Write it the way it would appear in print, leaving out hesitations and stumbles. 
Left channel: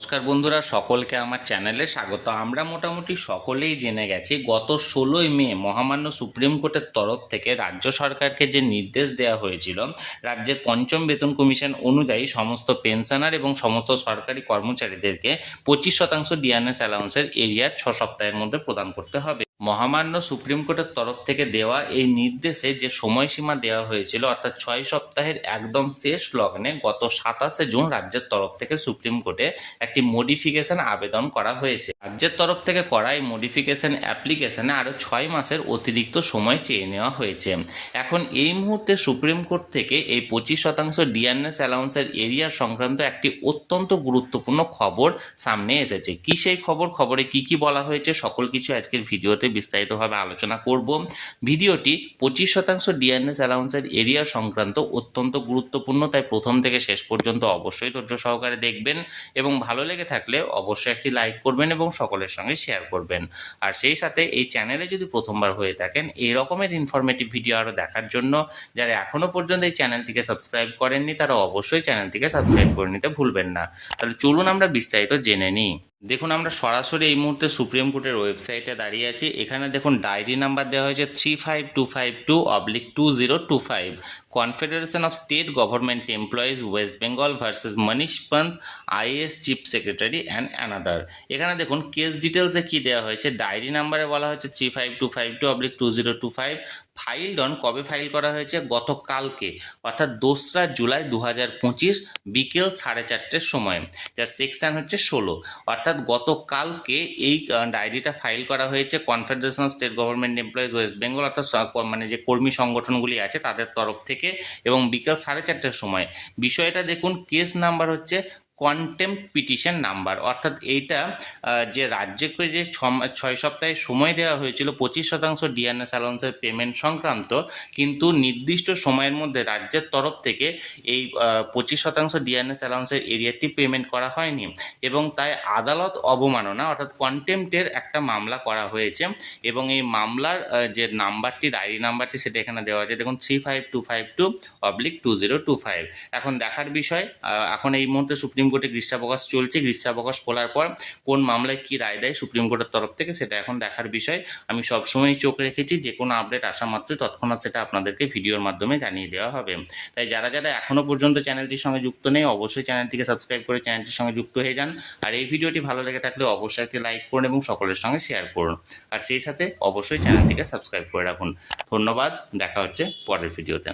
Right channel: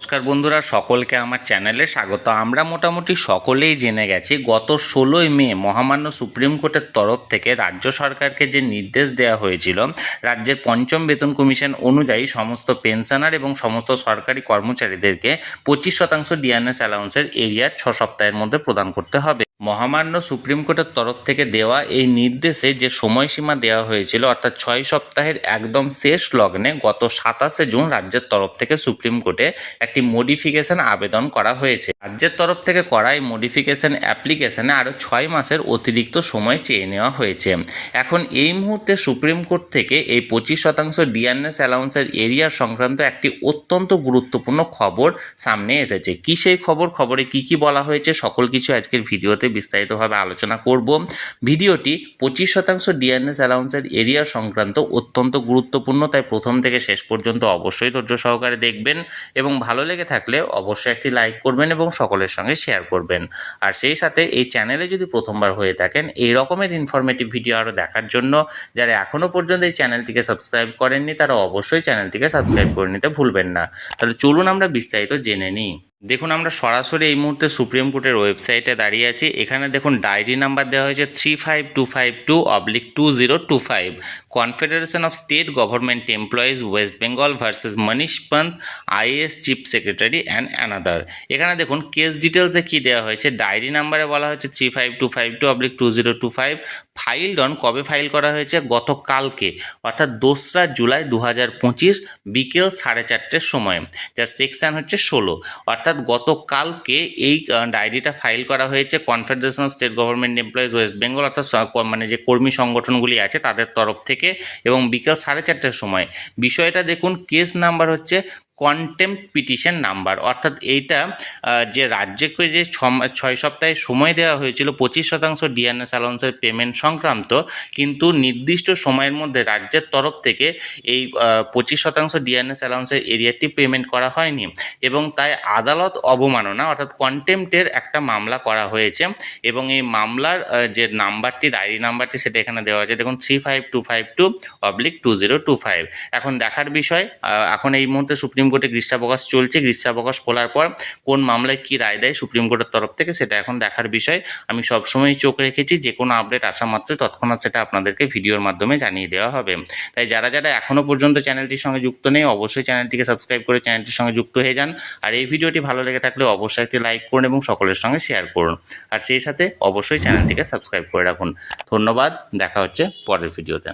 নমস্কার বন্ধুরা, সকলকে আমার চ্যানেলে স্বাগত। আমরা মোটামুটি সকলেই জেনে গেছি গত 16ই মে মহামান্য সুপ্রিম কোর্টের তরফ থেকে রাজ্য সরকারকে যে নির্দেশ দেওয়া হয়েছিল, রাজ্যের পঞ্চম বেতন কমিশন অনুযায়ী সমস্ত পেনশনার এবং সমস্ত সরকারি কর্মচারীদেরকে 25% ডিএনএস অ্যালাউন্সের এরিয়া 6 সপ্তাহের মধ্যে প্রদান করতে হবে। মহামান্য সুপ্রিম কোর্টের তরফ থেকে দেওয়া এই নির্দেশে যে সময়সীমা দেওয়া হয়েছিল, অর্থাৎ 6 সপ্তাহের একদম শেষ লগ্নে গত 27শে জুন রাজ্যের তরফ থেকে সুপ্রিম কোর্টে একটি মডিফিকেশন আবেদন করা হয়েছে। রাজ্যের তরফ থেকে করা এই মডিফিকেশন অ্যাপ্লিকেশনে আরও 6 মাসের অতিরিক্ত সময় চেয়ে নেওয়া হয়েছে। এখন এই মুহূর্তে সুপ্রিম কোর্ট থেকে এই 25% ডিএনএস অ্যালাউন্সের এরিয়া সংক্রান্ত একটি অত্যন্ত গুরুত্বপূর্ণ খবর সামনে এসেছে। কি সেই খবরে কি বলা হয়েছে, সকল কিছু আজকের ভিডিওতে বিস্তারিতভাবে আলোচনা করব। ভিডিওটি 25% ডিএনএস অ্যালাউন্সের এরিয়া সংক্রান্ত অত্যন্ত গুরুত্বপূর্ণ, তাই প্রথম থেকে শেষ পর্যন্ত অবশ্যই ধৈর্য সহকারে দেখবেন এবং ভালো লেগে থাকলে অবশ্যই একটি লাইক করবেন এবং সকলের সঙ্গে শেয়ার করবেন। আর সেই সাথে এই চ্যানেলে যদি প্রথমবার হয়ে থাকেন, এই রকমের ইনফরমেটিভ ভিডিও আরও দেখার জন্য যারা এখনও পর্যন্ত এই চ্যানেলটিকে সাবস্ক্রাইব করেননি, তারা অবশ্যই চ্যানেলটিকে সাবস্ক্রাইব করে নিতে ভুলবেন না। তাহলে চলুন আমরা বিস্তারিত জেনে নিই। দেখুন, আমরা সরাসরি এই মুহূর্তে সুপ্রিম কোর্টের ওয়েবসাইটে দাঁড়িয়ে আছি। এখানে দেখুন ডায়েরি নাম্বার দেওয়া হয়েছে 35252/2025, confederation of state government employees West Bengal versus Manish Pant, IAS chief secretary and another. এখানে দেখুন কেস ডিটেলসে কী দেওয়া হয়েছে। ডায়েরি নাম্বারে বলা হয়েছে 35252/2025, ফাইলড অন, কবে ফাইল করা হয়েছে, গতকালকে অর্থাৎ 2রা জুলাই 2025 বিকেল 4:30টার সময়। যার সেকশন হচ্ছে 16, অর্থাৎ গতকালকে এই ডায়েরিটা ফাইল করা হয়েছে confederation of state government employees West Bengal, অর্থাৎ মানে যে কর্মী সংগঠনগুলি আছে তাদের তরফ থেকে, এবং বিকেল 4:30টার সময়। বিষয়টা দেখুন, কেস নাম্বার হচ্ছে কন্টেম্পট পিটিশন নাম্বার, অর্থাৎ এইটা যে রাজ্যকে যে 6 সপ্তাহের সময় দেওয়া হয়েছিল 25% ডিএনএস অ্যালাউন্সের পেমেন্ট সংক্রান্ত, কিন্তু নির্দিষ্ট সময়ের মধ্যে রাজ্যের তরফ থেকে এই 25% ডিএনএস অ্যালাউন্সের এরিয়াটি পেমেন্ট করা হয়নি, এবং তাই আদালত অবমাননা অর্থাৎ কন্টেম্পটের একটা মামলা করা হয়েছে। এবং এই মামলার যে নাম্বারটি, ডায়েরি নাম্বারটি, সেটা এখানে দেওয়া আছে। দেখুন 35252/2025। এখন দেখার বিষয়, এখন এই মুহূর্তে সুপ্রিম কোর্টে গ্রীষ্মাবকাশ চলছে। গ্রীষ্মাবকাশ খোলার পর কোন মামলায় কী রায় দেয় সুপ্রিম কোর্টের তরফ থেকে, সেটা এখন দেখার বিষয়। আমি সবসময় চোখ রেখেছি, যে কোনো আপডেট আসা মাত্রই তৎক্ষণাৎ সেটা আপনাদেরকে ভিডিওর মাধ্যমে জানিয়ে দেওয়া হবে। তাই যারা এখনও পর্যন্ত চ্যানেলটির সঙ্গে যুক্ত নেই, অবশ্যই চ্যানেলটিকে সাবস্ক্রাইব করে চ্যানেলটির সঙ্গে যুক্ত হয়ে যান। আর এই ভিডিওটি ভালো লেগে থাকলে অবশ্যই একটি লাইক করুন এবং সকলের সঙ্গে শেয়ার করুন। আর সেই সাথে অবশ্যই চ্যানেলটিকে সাবস্ক্রাইব করে রাখুন। ধন্যবাদ, দেখা হচ্ছে পরের ভিডিওতে।